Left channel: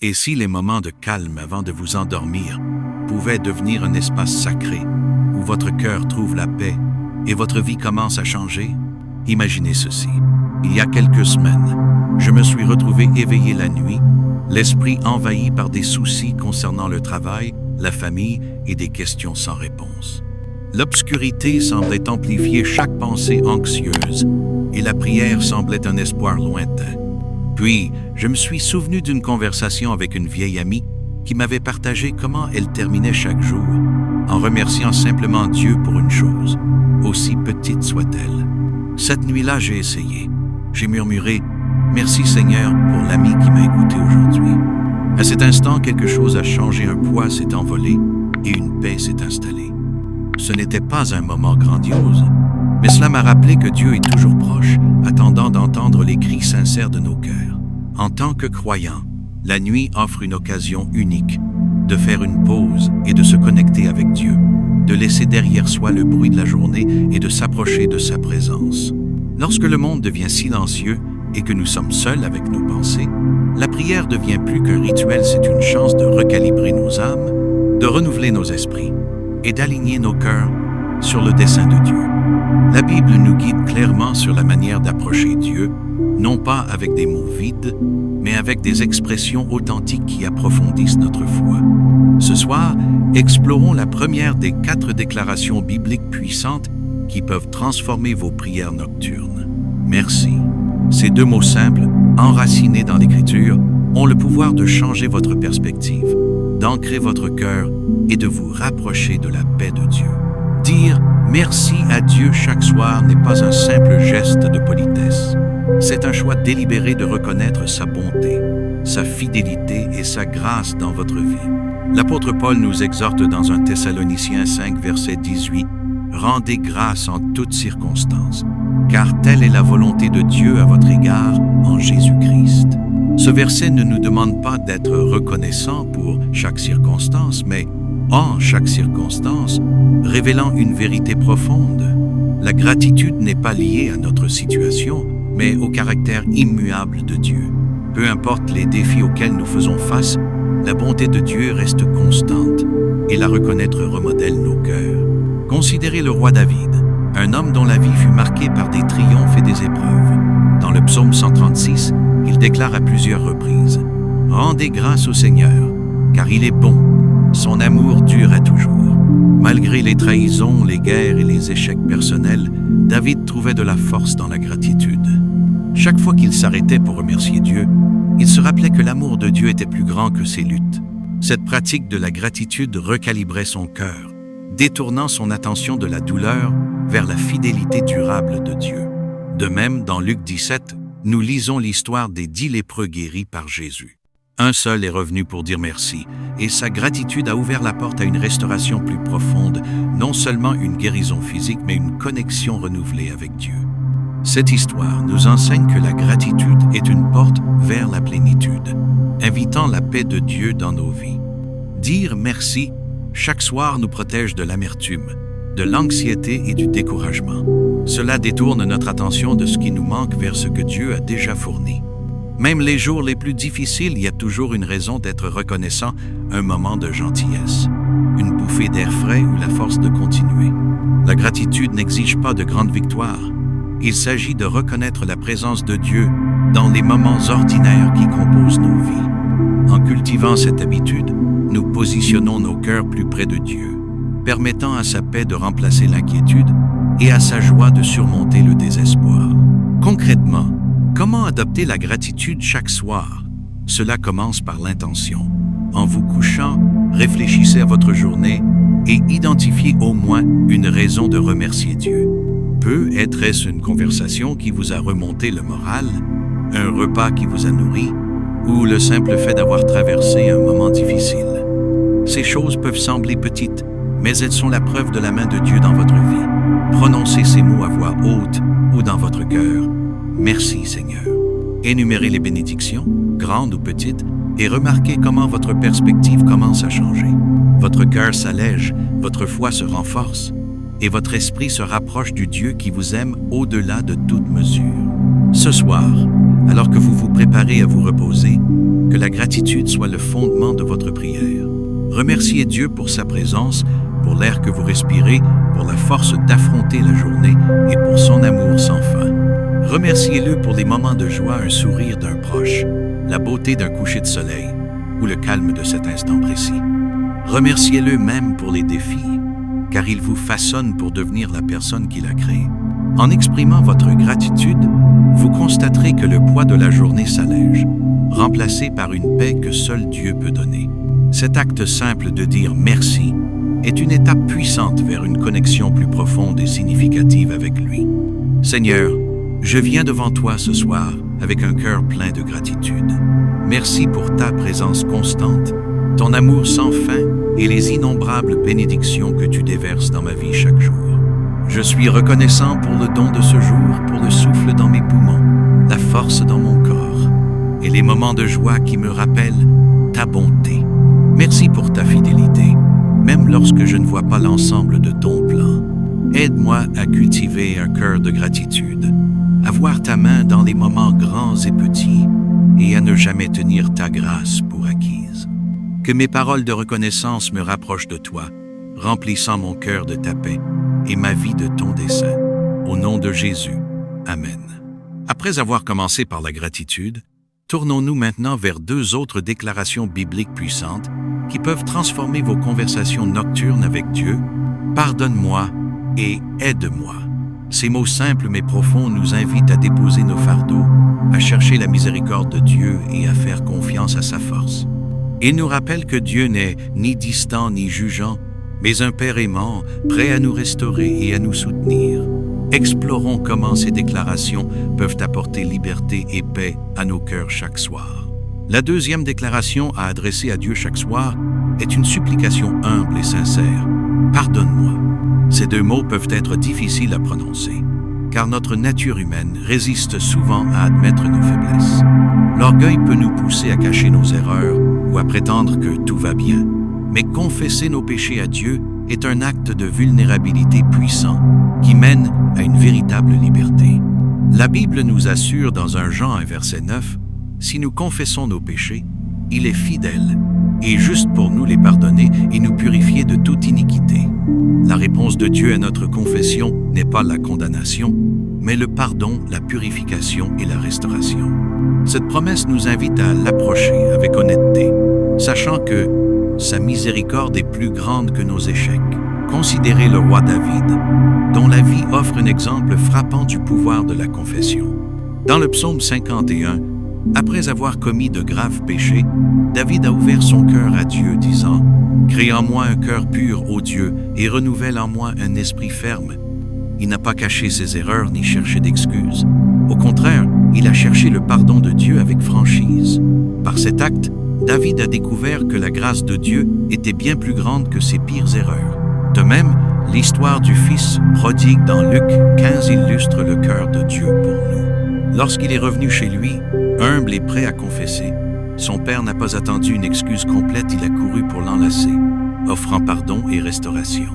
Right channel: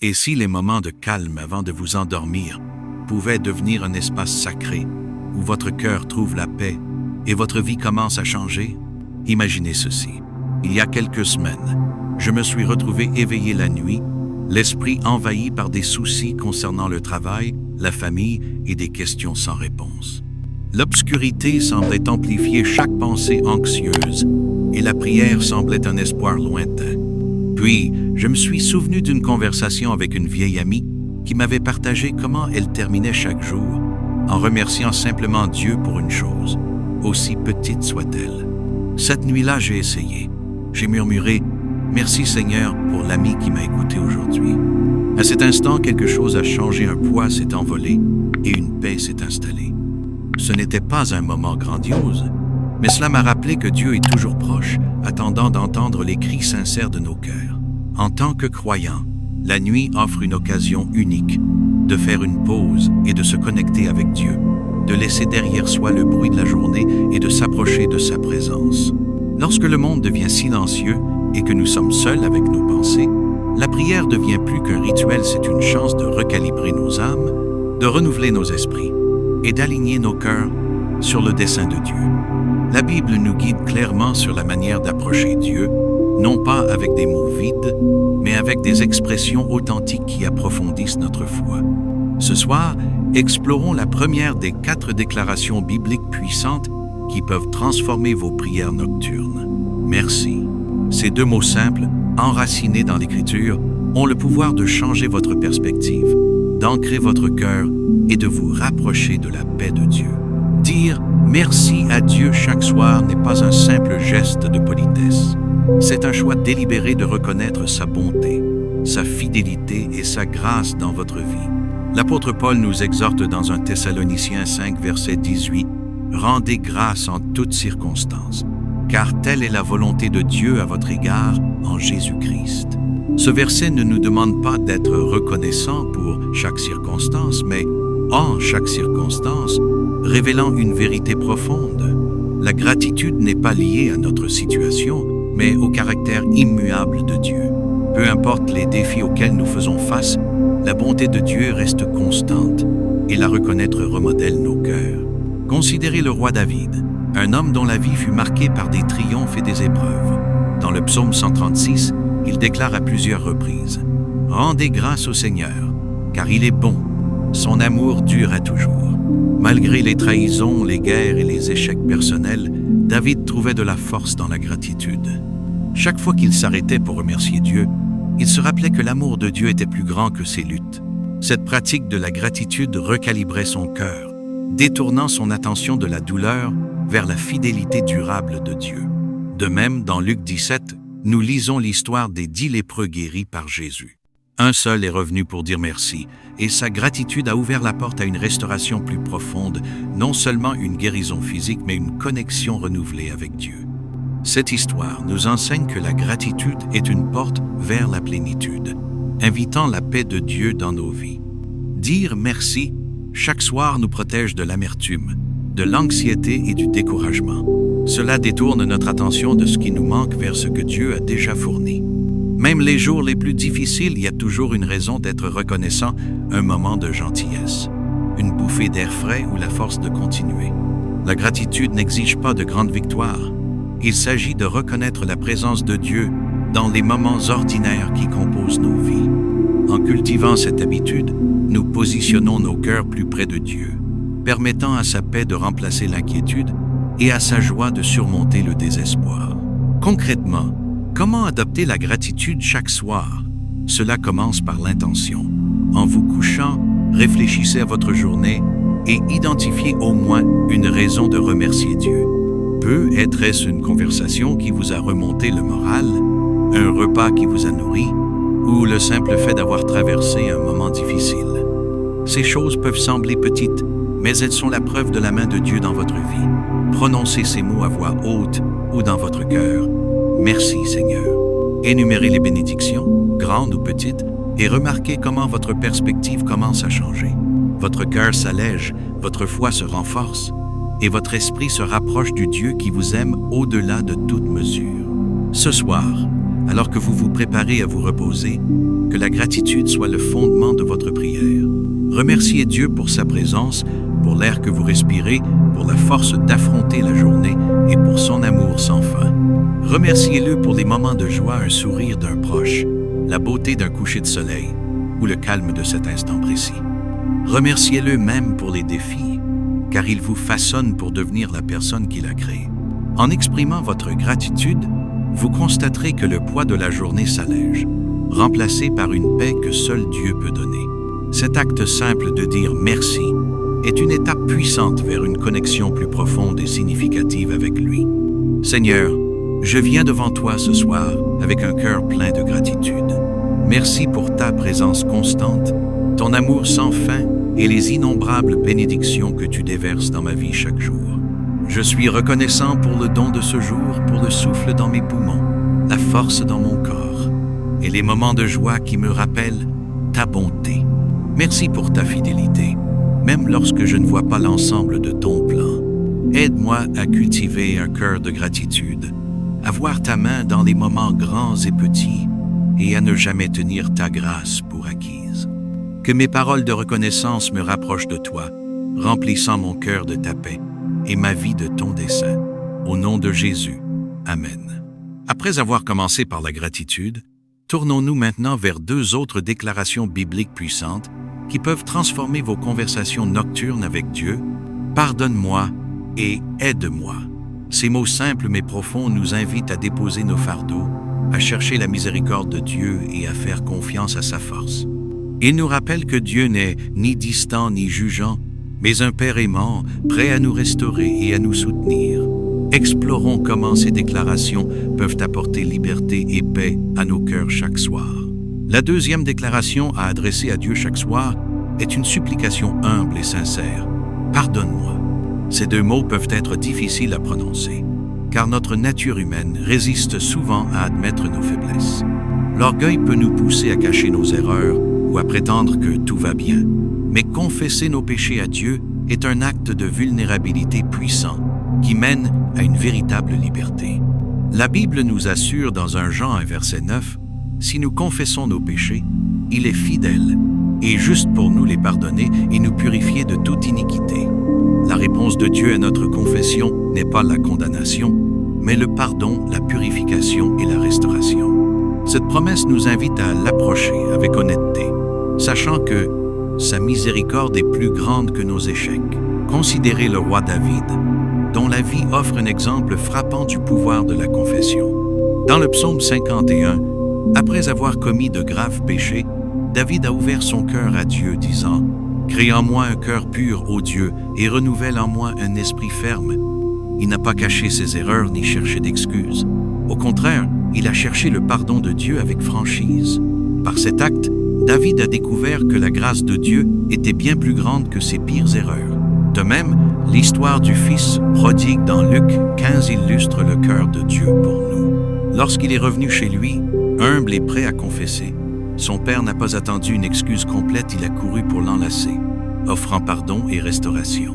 Et si les moments de calme avant de vous endormir pouvaient devenir un espace sacré où votre cœur trouve la paix et votre vie commence à changer? Imaginez ceci. Il y a quelques semaines, je me suis retrouvé éveillé la nuit, l'esprit envahi par des soucis concernant le travail, la famille et des questions sans réponse. L'obscurité semblait amplifier chaque pensée anxieuse et la prière semblait un espoir lointain. Puis, je me suis souvenu d'une conversation avec une vieille amie qui m'avait partagé comment elle terminait chaque jour en remerciant simplement Dieu pour une chose, aussi petite soit-elle. Cette nuit-là, j'ai essayé. J'ai murmuré « Merci Seigneur pour l'ami qui m'a écouté aujourd'hui ». À cet instant, quelque chose a changé, un poids s'est envolé et une paix s'est installée. Ce n'était pas un moment grandiose, mais cela m'a rappelé que Dieu est toujours proche, attendant d'entendre les cris sincères de nos cœurs. En tant que croyants, la nuit offre une occasion unique de faire une pause et de se connecter avec Dieu, de laisser derrière soi le bruit de la journée et de s'approcher de sa présence. Lorsque le monde devient silencieux et que nous sommes seuls avec nos pensées, la prière devient plus qu'un rituel, c'est une chance de recalibrer nos âmes, de renouveler nos esprits et d'aligner nos cœurs sur le dessein de Dieu. La Bible nous guide clairement sur la manière d'approcher Dieu, non pas avec des mots vides, mais avec des expressions authentiques qui approfondissent notre foi. Ce soir, explorons la première des 4 déclarations bibliques puissantes qui peuvent transformer vos prières nocturnes. Merci. Ces 2 mots simples, enracinés dans l'Écriture, ont le pouvoir de changer votre perspective, d'ancrer votre cœur et de vous rapprocher de la paix de Dieu. Dire merci à Dieu chaque soir n'est pas un simple geste de politesse. C'est un choix délibéré de reconnaître sa bonté, sa fidélité et sa grâce dans votre vie. L'apôtre Paul nous exhorte dans 1 Thessaloniciens 5, verset 18, « Rendez grâce en toutes circonstances, car telle est la volonté de Dieu à votre égard en Jésus-Christ. » Ce verset ne nous demande pas d'être reconnaissant pour chaque circonstance, mais en chaque circonstance, révélant une vérité profonde. La gratitude n'est pas liée à notre situation, mais au caractère immuable de Dieu. Peu importe les défis auxquels nous faisons face, la bonté de Dieu reste constante et la reconnaître remodèle nos cœurs. Considérez le roi David, un homme dont la vie fut marquée par des triomphes et des épreuves. Dans le psaume 136, il déclare à plusieurs reprises « Rendez grâce au Seigneur, car il est bon, son amour dure à toujours. » Malgré les trahisons, les guerres et les échecs personnels, David trouvait de la force dans la gratitude. Chaque fois qu'il s'arrêtait pour remercier Dieu, il se rappelait que l'amour de Dieu était plus grand que ses luttes. Cette pratique de la gratitude recalibrait son cœur, détournant son attention de la douleur vers la fidélité durable de Dieu. De même, dans Luc 17, nous lisons l'histoire des 10 lépreux guéris par Jésus. Un seul est revenu pour dire merci, et sa gratitude a ouvert la porte à une restauration plus profonde, non seulement une guérison physique, mais une connexion renouvelée avec Dieu. Cette histoire nous enseigne que la gratitude est une porte vers la plénitude, invitant la paix de Dieu dans nos vies. Dire merci chaque soir nous protège de l'amertume, de l'anxiété et du découragement. Cela détourne notre attention de ce qui nous manque vers ce que Dieu a déjà fourni. Même les jours les plus difficiles, il y a toujours une raison d'être reconnaissant, un moment de gentillesse, une bouffée d'air frais ou la force de continuer. La gratitude n'exige pas de grandes victoires. Il s'agit de reconnaître la présence de Dieu dans les moments ordinaires qui composent nos vies. En cultivant cette habitude, nous positionnons nos cœurs plus près de Dieu, permettant à sa paix de remplacer l'inquiétude et à sa joie de surmonter le désespoir. Concrètement, comment adopter la gratitude chaque soir? Cela commence par l'intention. En vous couchant, réfléchissez à votre journée et identifiez au moins une raison de remercier Dieu. Peut-être une conversation qui vous a remonté le moral, un repas qui vous a nourri, ou le simple fait d'avoir traversé un moment difficile. Ces choses peuvent sembler petites, mais elles sont la preuve de la main de Dieu dans votre vie. Prononcez ces mots à voix haute ou dans votre cœur. Merci Seigneur. Énumérez les bénédictions, grandes ou petites, et remarquez comment votre perspective commence à changer. Votre cœur s'allège, votre foi se renforce, et votre esprit se rapproche du Dieu qui vous aime au-delà de toute mesure. Ce soir, alors que vous vous préparez à vous reposer, Que la gratitude soit le fondement de votre prière. Remerciez Dieu pour sa présence, pour l'air que vous respirez, pour la force d'affronter la journée et pour son amour sans fin. Remerciez-le pour les moments de joie, un sourire d'un proche, la beauté d'un coucher de soleil ou le calme de cet instant précis. Remerciez-le même pour les défis, car il vous façonne pour devenir la personne qu'il a créée. En exprimant votre gratitude, vous constaterez que le poids de la journée s'allège, remplacé par une paix que seul Dieu peut donner. Cet acte simple de dire merci est une étape puissante vers une connexion plus profonde et significative avec lui. Seigneur, je viens devant toi ce soir avec un cœur plein de gratitude. Merci pour ta présence constante, ton amour sans fin et les innombrables bénédictions que tu déverses dans ma vie chaque jour. Je suis reconnaissant pour le don de ce jour, pour le souffle dans mes poumons, la force dans mon corps et les moments de joie qui me rappellent ta bonté. Merci pour ta fidélité, même lorsque je ne vois pas l'ensemble de ton plan. Aide-moi à cultiver un cœur de gratitude, à voir ta main dans les moments grands et petits et à ne jamais tenir ta grâce pour acquise. Que mes paroles de reconnaissance me rapprochent de toi, remplissant mon cœur de ta paix et ma vie de ton dessein. Au nom de Jésus. Amen. Après avoir commencé par la gratitude, tournons-nous maintenant vers deux autres déclarations bibliques puissantes qui peuvent transformer vos conversations nocturnes avec Dieu. Pardonne-moi et aide-moi. Ces mots simples mais profonds nous invitent à déposer nos fardeaux, à chercher la miséricorde de Dieu et à faire confiance à sa force. Ils nous rappellent que Dieu n'est ni distant ni jugeant, mais un Père aimant, prêt à nous restaurer et à nous soutenir. Explorons comment ces déclarations peuvent apporter liberté et paix à nos cœurs chaque soir. La deuxième déclaration à adresser à Dieu chaque soir est une supplication humble et sincère. Pardonne-moi. Ces deux mots peuvent être difficiles à prononcer, car notre nature humaine résiste souvent à admettre nos faiblesses. L'orgueil peut nous pousser à cacher nos erreurs ou à prétendre que tout va bien. Mais confesser nos péchés à Dieu est un acte de vulnérabilité puissant qui mène à une véritable liberté. La Bible nous assure dans 1 Jean 1 verset 9, « Si nous confessons nos péchés, il est fidèle et juste pour nous les pardonner et nous purifier de toute iniquité. » La réponse de Dieu à notre confession n'est pas la condamnation, mais le pardon, la purification et la restauration. Cette promesse nous invite à l'approcher avec honnêteté, sachant que sa miséricorde est plus grande que nos échecs. Considérez le roi David, dont la vie offre un exemple frappant du pouvoir de la confession. Dans le psaume 51, après avoir commis de graves péchés, David a ouvert son cœur à Dieu, disant « Crée en moi un cœur pur, ô Dieu, et renouvelle en moi un esprit ferme. » Il n'a pas caché ses erreurs ni cherché d'excuses. Au contraire, il a cherché le pardon de Dieu avec franchise. Par cet acte, David a découvert que la grâce de Dieu était bien plus grande que ses pires erreurs. De même, l'histoire du Fils prodigue dans Luc 15 illustre le cœur de Dieu pour nous. Lorsqu'il est revenu chez lui, humble et prêt à confesser, son père n'a pas attendu une excuse complète, il a couru pour l'enlacer, offrant pardon et restauration.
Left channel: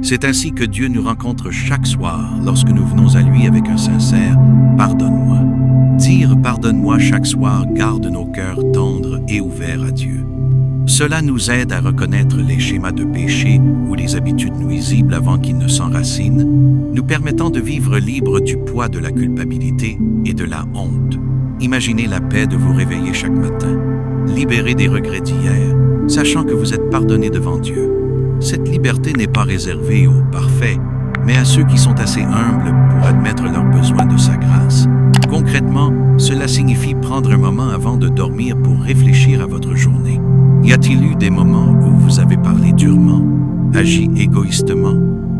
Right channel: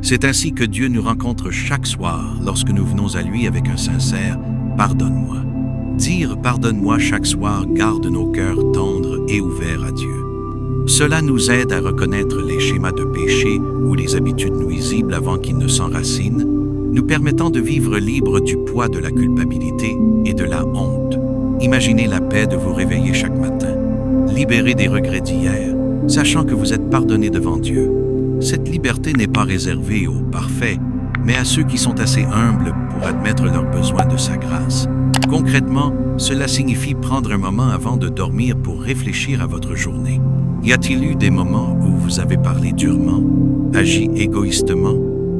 C'est ainsi que Dieu nous rencontre chaque soir lorsque nous venons à lui avec un sincère « Pardonne-moi ». Dire « Pardonne-moi » chaque soir garde nos cœurs tendres et ouverts à Dieu. Cela nous aide à reconnaître les schémas de péché ou les habitudes nuisibles avant qu'ils ne s'enracinent, nous permettant de vivre libre du poids de la culpabilité et de la honte. Imaginez la paix de vous réveiller chaque matin, libéré des regrets d'hier, sachant que vous êtes pardonné devant Dieu. Cette liberté n'est pas réservée aux parfaits, mais à ceux qui sont assez humbles pour admettre leurs besoins de sa grâce. Concrètement, cela signifie prendre un moment avant de dormir pour réfléchir à votre journée. Y a-t-il eu des moments où vous avez parlé durement, agi égoïstement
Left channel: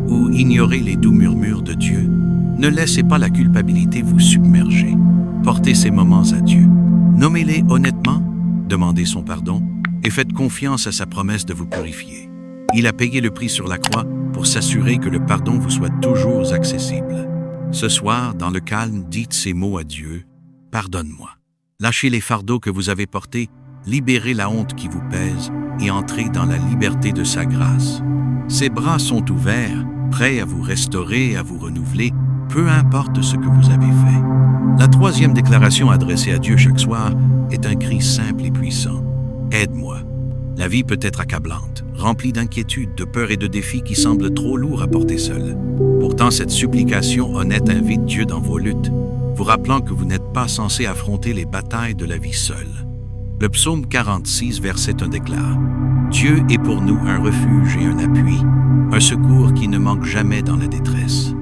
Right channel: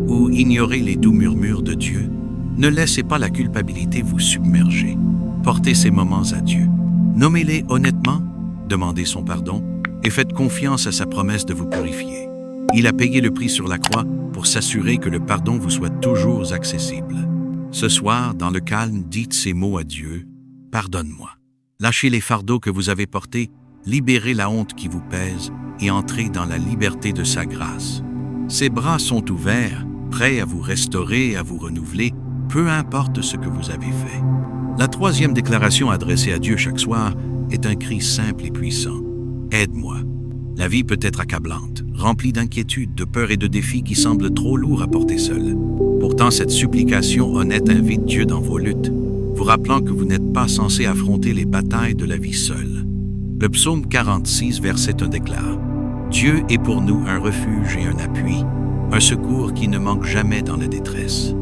ou ignoré les doux murmures de Dieu? Ne laissez pas la culpabilité vous submerger. Portez ces moments à Dieu. Nommez-les honnêtement, demandez son pardon et faites confiance à sa promesse de vous purifier. Il a payé le prix sur la croix pour s'assurer que le pardon vous soit toujours accessible. Ce soir, dans le calme, dites ces mots à Dieu. « Pardonne-moi. » Lâchez les fardeaux que vous avez portés, libérez la honte qui vous pèse et entrez dans la liberté de sa grâce. Ses bras sont ouverts, prêts à vous restaurer, à vous renouveler, peu importe ce que vous avez fait. La troisième déclaration adressée à Dieu chaque soir est un cri simple et puissant. Aide-moi. La vie peut être accablante, remplie d'inquiétudes, de peurs et de défis qui semblent trop lourds à porter seul. Pourtant, cette supplication honnête invite Dieu dans vos luttes, vous rappelant que vous n'êtes pas censé affronter les batailles de la vie seul. Le psaume 46, verset 1 déclare: « Dieu est pour nous un refuge et un appui, un secours qui ne manque jamais dans la détresse. »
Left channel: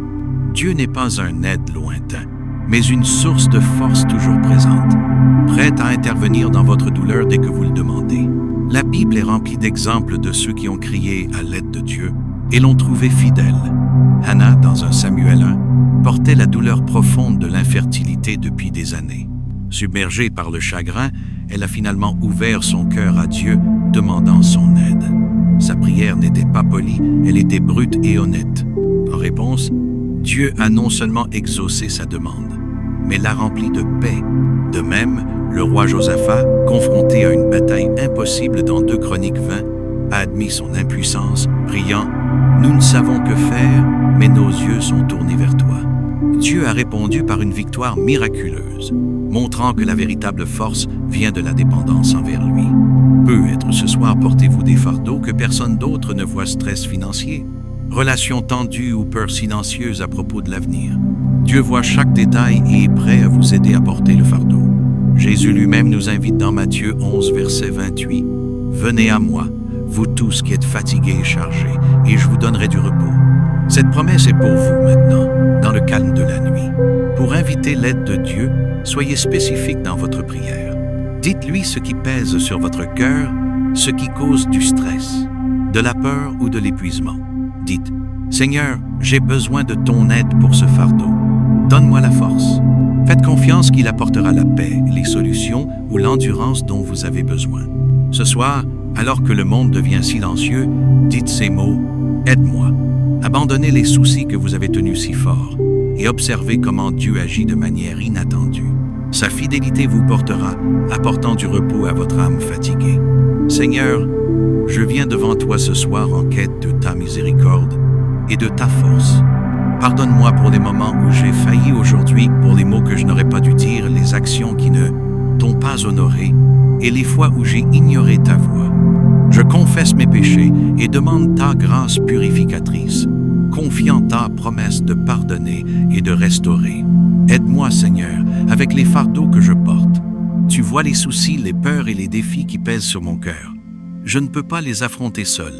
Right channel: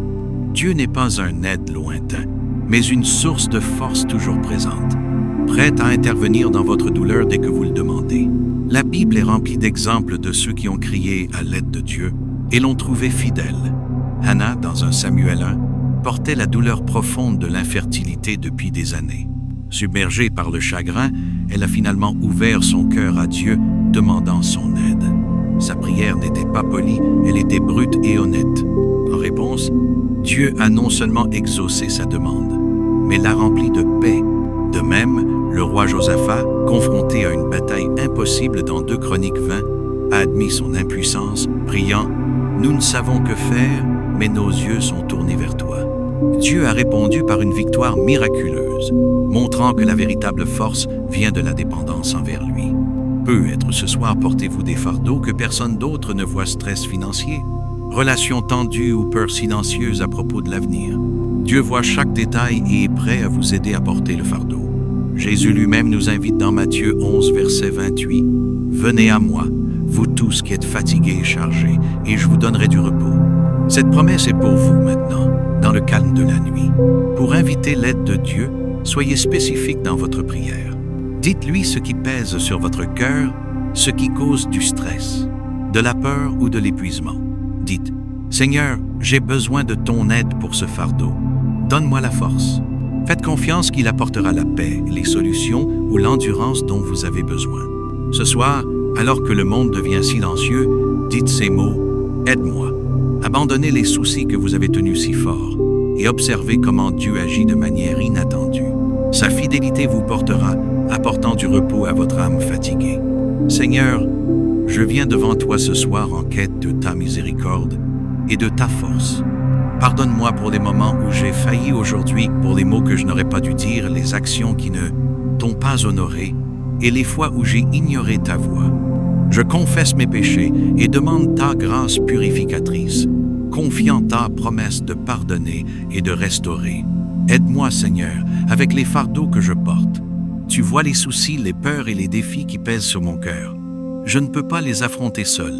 Dieu n'est pas un aide lointain, mais une source de force toujours présente, prête à intervenir dans votre douleur dès que vous le demandez. La Bible est remplie d'exemples de ceux qui ont crié à l'aide de Dieu et l'ont trouvé fidèle. Hannah, dans 1 Samuel 1, portait la douleur profonde de l'infertilité depuis des années. Submergée par le chagrin, elle a finalement ouvert son cœur à Dieu, demandant son aide. Sa prière n'était pas polie, elle était brute et honnête. En réponse, Dieu a non seulement exaucé sa demande, mais l'a remplie de paix. De même, le roi Josaphat, confronté à une bataille impossible dans 2 Chroniques 20, a admis son impuissance, priant « Nous ne savons que faire, mais nos yeux sont tournés vers toi. » Dieu a répondu par une victoire miraculeuse, montrant que la véritable force vient de la dépendance envers lui. Peut-être ce soir portez-vous des fardeaux que personne d'autre ne voit: stress financier, relations tendues ou peurs silencieuses à propos de l'avenir. Dieu voit chaque détail et est prêt à vous aider à porter le fardeau. Jésus lui-même nous invite dans Matthieu 11, verset 28. « Venez à moi, vous tous qui êtes fatigués et chargés, et je vous donnerai du repos. » Cette promesse est pour vous maintenant, dans le calme de la nuit. Pour inviter l'aide de Dieu, soyez spécifique dans votre prière. Dites-lui ce qui pèse sur votre cœur, ce qui cause du stress, de la peur ou de l'épuisement. Dites: « Seigneur, j'ai besoin de ton aide pour ce fardeau. Donne-moi la force. » Faites confiance qu'il apportera la paix, les solutions ou l'endurance dont vous avez besoin. Ce soir, alors que le monde devient silencieux, dites ces mots: « Aide-moi. » Abandonnez les soucis que vous avez tenus si fort et observez comment Dieu agit de manière inattendue. Sa fidélité vous portera, apportant du repos à votre âme fatiguée. Seigneur, je viens devant toi ce soir en quête de ta miséricorde et de ta force. Pardonne-moi pour les moments où j'ai failli aujourd'hui, pour les mots que je n'aurais pas dû dire, les actions qui ne t'ont pas honoré et les fois où j'ai ignoré ta voix. Je confesse mes péchés et demande ta grâce purificatrice, confiant ta promesse de pardonner et de restaurer. Aide-moi, Seigneur, avec les fardeaux que je porte. Tu vois les soucis, les peurs et les défis qui pèsent sur mon cœur. Je ne peux pas les affronter seul,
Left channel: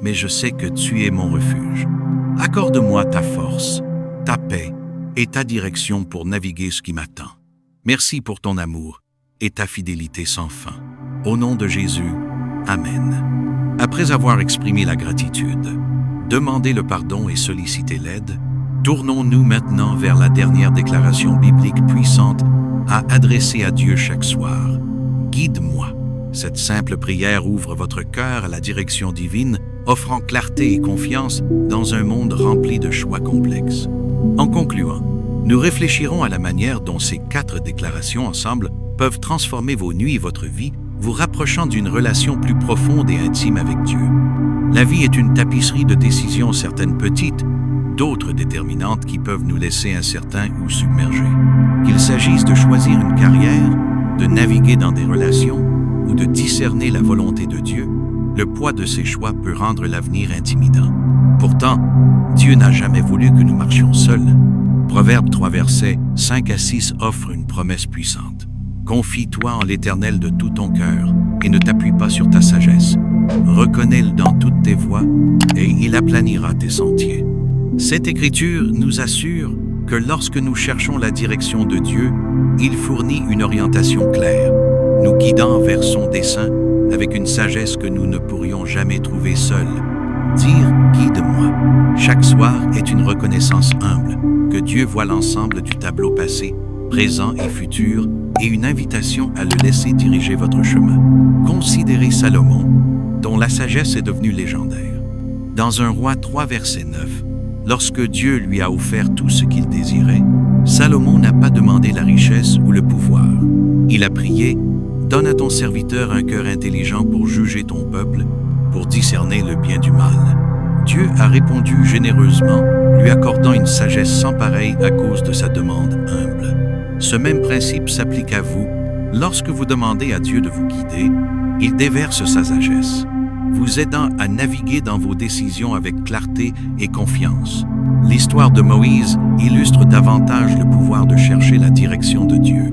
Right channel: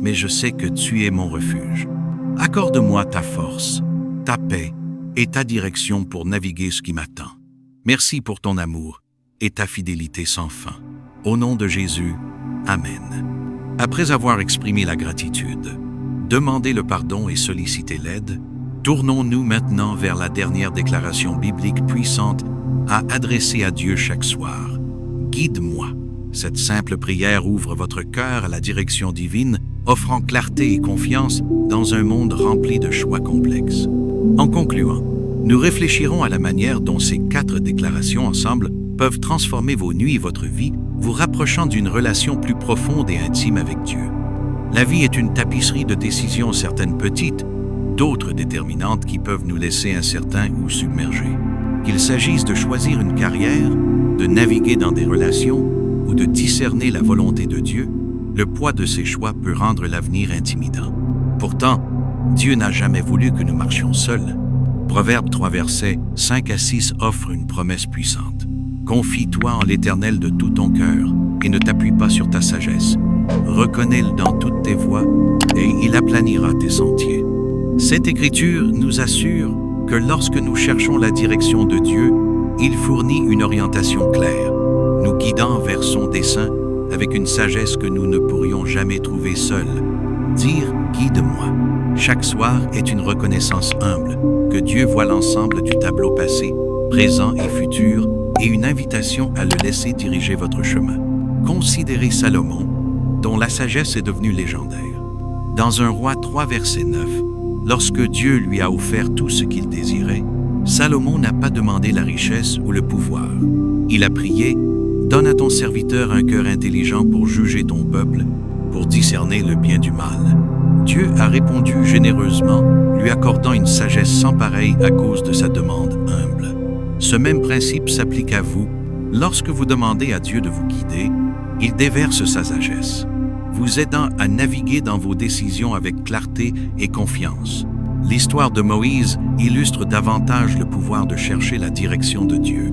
mais je sais que tu es mon refuge. Accorde-moi ta force, ta paix et ta direction pour naviguer ce qui m'attend. Merci pour ton amour et ta fidélité sans fin. Au nom de Jésus, Amen. Après avoir exprimé la gratitude, demandé le pardon et sollicité l'aide, tournons-nous maintenant vers la dernière déclaration biblique puissante à adresser à Dieu chaque soir. Guide-moi. Cette simple prière ouvre votre cœur à la direction divine, offrant clarté et confiance dans un monde rempli de choix complexes. En concluant, nous réfléchirons à la manière dont ces 4 déclarations ensemble peuvent transformer vos nuits et votre vie, vous rapprochant d'une relation plus profonde et intime avec Dieu. La vie est une tapisserie de décisions, certaines petites, d'autres déterminantes qui peuvent nous laisser incertains ou submergés. Qu'il s'agisse de choisir une carrière, de naviguer dans des relations ou de discerner la volonté de Dieu, le poids de ces choix peut rendre l'avenir intimidant. Pourtant, Dieu n'a jamais voulu que nous marchions seuls. Proverbe 3, versets 5 à 6 offre une promesse puissante. Confie-toi en l'Éternel de tout ton cœur et ne t'appuie pas sur ta sagesse. Reconnais-le dans toutes tes voies et il aplanira tes sentiers. Cette écriture nous assure que lorsque nous cherchons la direction de Dieu, il fournit une orientation claire, nous guidant vers son dessein avec une sagesse que nous ne pourrions jamais trouver seuls. Dire « Guide-moi » chaque soir est une reconnaissance humble que Dieu voit l'ensemble du tableau passé, présent et futur, et une invitation à le laisser diriger votre chemin. Considérez Salomon, dont la sagesse est devenue légendaire. Dans 1 Roi 3, verset 9, lorsque Dieu lui a offert tout ce qu'il désirait, Salomon n'a pas demandé la richesse ou le pouvoir. Il a prié « Donne à ton serviteur un cœur intelligent pour juger ton peuple, pour discerner le bien du mal. » Dieu a répondu généreusement, lui accordant une sagesse sans pareille à cause de sa demande humble. Ce même principe s'applique à vous, Lorsque vous demandez à Dieu de vous guider, il déverse sa sagesse, vous aidant à naviguer dans vos décisions avec clarté et confiance. L'histoire de Moïse illustre davantage le pouvoir de chercher la direction de Dieu.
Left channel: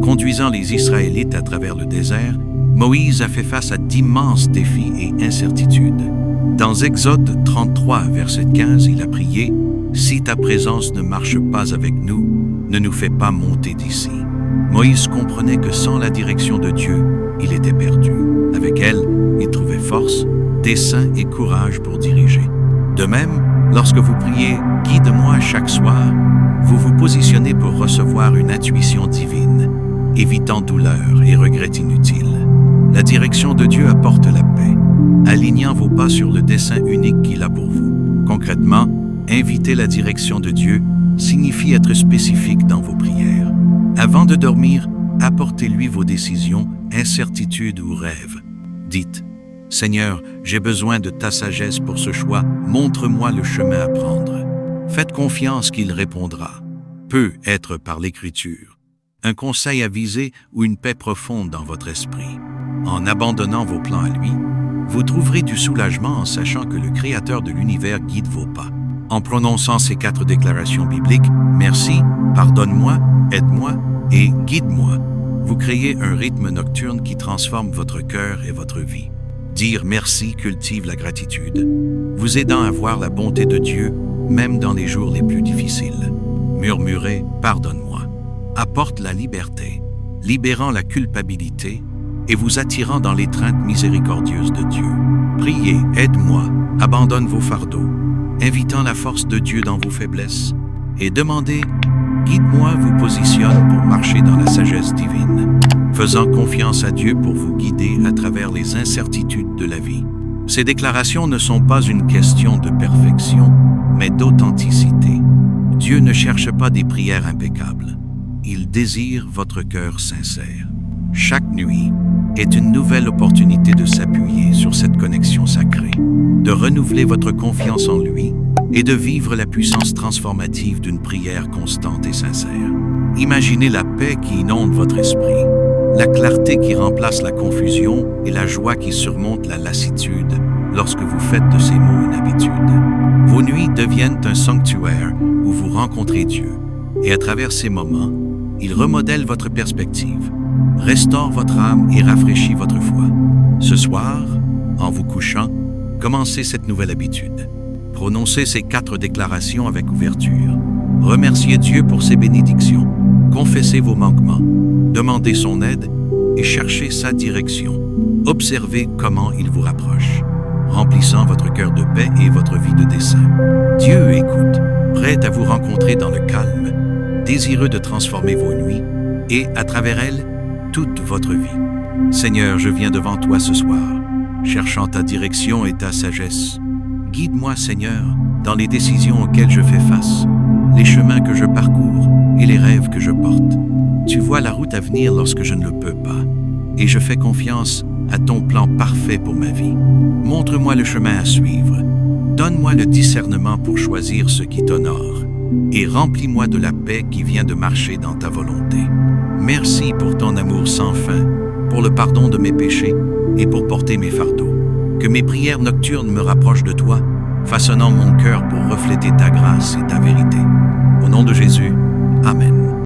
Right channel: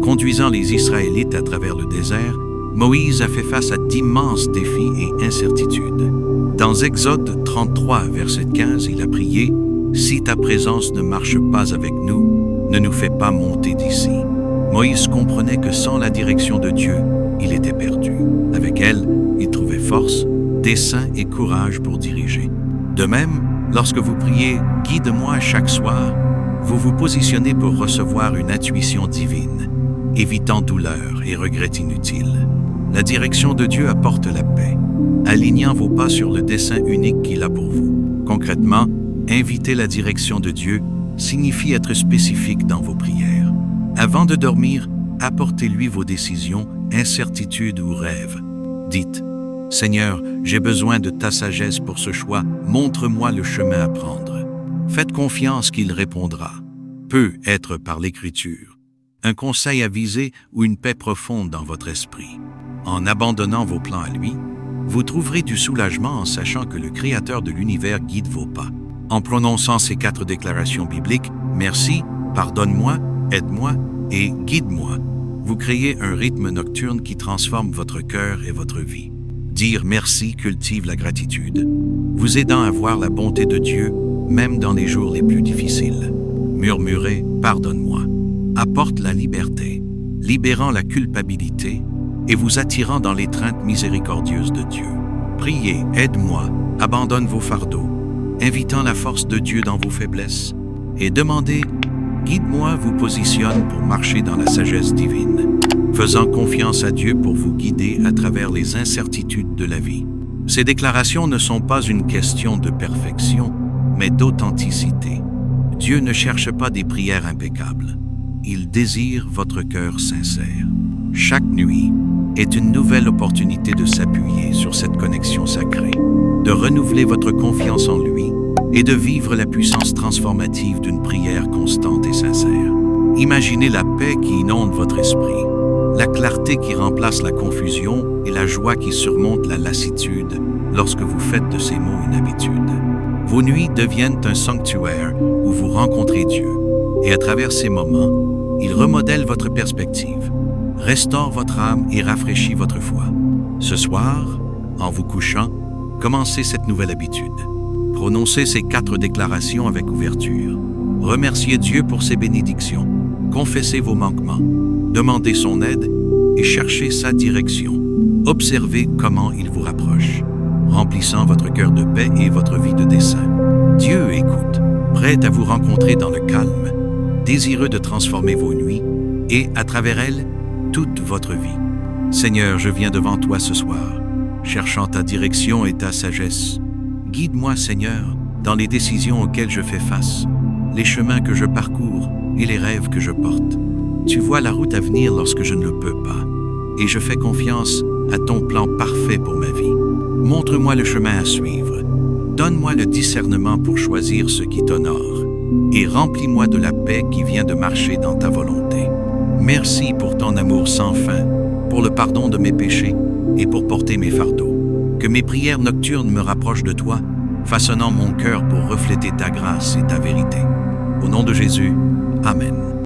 Conduisant les Israélites à travers le désert, Moïse a fait face à d'immenses défis et incertitudes. Dans Exode 33, verset 15, il a prié « Si ta présence ne marche pas avec nous, ne nous fais pas monter d'ici. » Moïse comprenait que sans la direction de Dieu, il était perdu. Avec elle, il trouvait force, dessein et courage pour diriger. De même, lorsque vous priez « Guide-moi » chaque soir, vous vous positionnez pour recevoir une intuition divine, évitant douleur et regrets inutiles. La direction de Dieu apporte la paix, alignant vos pas sur le dessein unique qu'il a pour vous. Concrètement, inviter la direction de Dieu signifie être spécifique dans vos prières. Avant de dormir, apportez-lui vos décisions, incertitudes ou rêves. Dites « Seigneur, j'ai besoin de ta sagesse pour ce choix, montre-moi le chemin à prendre. » Faites confiance qu'il répondra. Peut être par l'écriture, un conseil avisé ou une paix profonde dans votre esprit. En abandonnant vos plans à lui, vous trouverez du soulagement en sachant que le Créateur de l'univers guide vos pas. En prononçant ces 4 déclarations bibliques, « Merci »,« Pardonne-moi »,« Aide-moi » et « Guide-moi », vous créez un rythme nocturne qui transforme votre cœur et votre vie. Dire merci cultive la gratitude, vous aidant à voir la bonté de Dieu, même dans les jours les plus difficiles. Murmurer « Pardonne-moi » apporte la liberté, libérant la culpabilité et vous attirant dans l'étreinte miséricordieuse de Dieu. Priez « Aide-moi », abandonne vos fardeaux, invitant la force de Dieu dans vos faiblesses, et demandez « Guide-moi » vous positionne pour marcher dans la sagesse divine, faisant confiance à Dieu pour vous guider à travers les incertitudes de la vie. Ces déclarations ne sont pas une question de perfection, mais d'authenticité. Dieu ne cherche pas des prières impeccables. Il désire votre cœur sincère. Chaque nuit est une nouvelle opportunité de s'appuyer sur cette connexion sacrée, de renouveler votre confiance en lui et de vivre la puissance transformative d'une prière constante et sincère. Imaginez la paix qui inonde votre esprit, la clarté qui remplace la confusion et la joie qui surmonte la lassitude lorsque vous faites de ces mots une habitude. Vos nuits deviennent un sanctuaire où vous rencontrez Dieu, et à travers ces moments, il remodèle votre perspective, restaure votre âme et rafraîchit votre foi. Ce soir, en vous couchant, commencez cette nouvelle habitude. Prononcez ces 4 déclarations avec ouverture. Remerciez Dieu pour ses bénédictions. Confessez vos manquements. Demandez son aide et cherchez sa direction. Observez comment il vous rapproche, remplissant votre cœur de paix et votre vie de dessein. Dieu écoute, prêt à vous rencontrer dans le calme, désireux de transformer vos nuits et, à travers elles, toute votre vie. Seigneur, je viens devant toi ce soir, cherchant ta direction et ta sagesse. Guide-moi, Seigneur, dans les décisions auxquelles je fais face, les chemins que je parcours et les rêves que je porte. Tu vois la route à venir lorsque je ne le peux pas, et je fais confiance à ton plan parfait pour ma vie. Montre-moi le chemin à suivre. Donne-moi le discernement pour choisir ce qui t'honore, et remplis-moi de la paix qui vient de marcher dans ta volonté. Merci pour ton amour sans fin, pour le pardon de mes péchés et pour porter mes fardeaux. Que mes prières nocturnes me rapprochent de toi, façonnant mon cœur pour refléter ta grâce et ta vérité. Au nom de Jésus, Amen.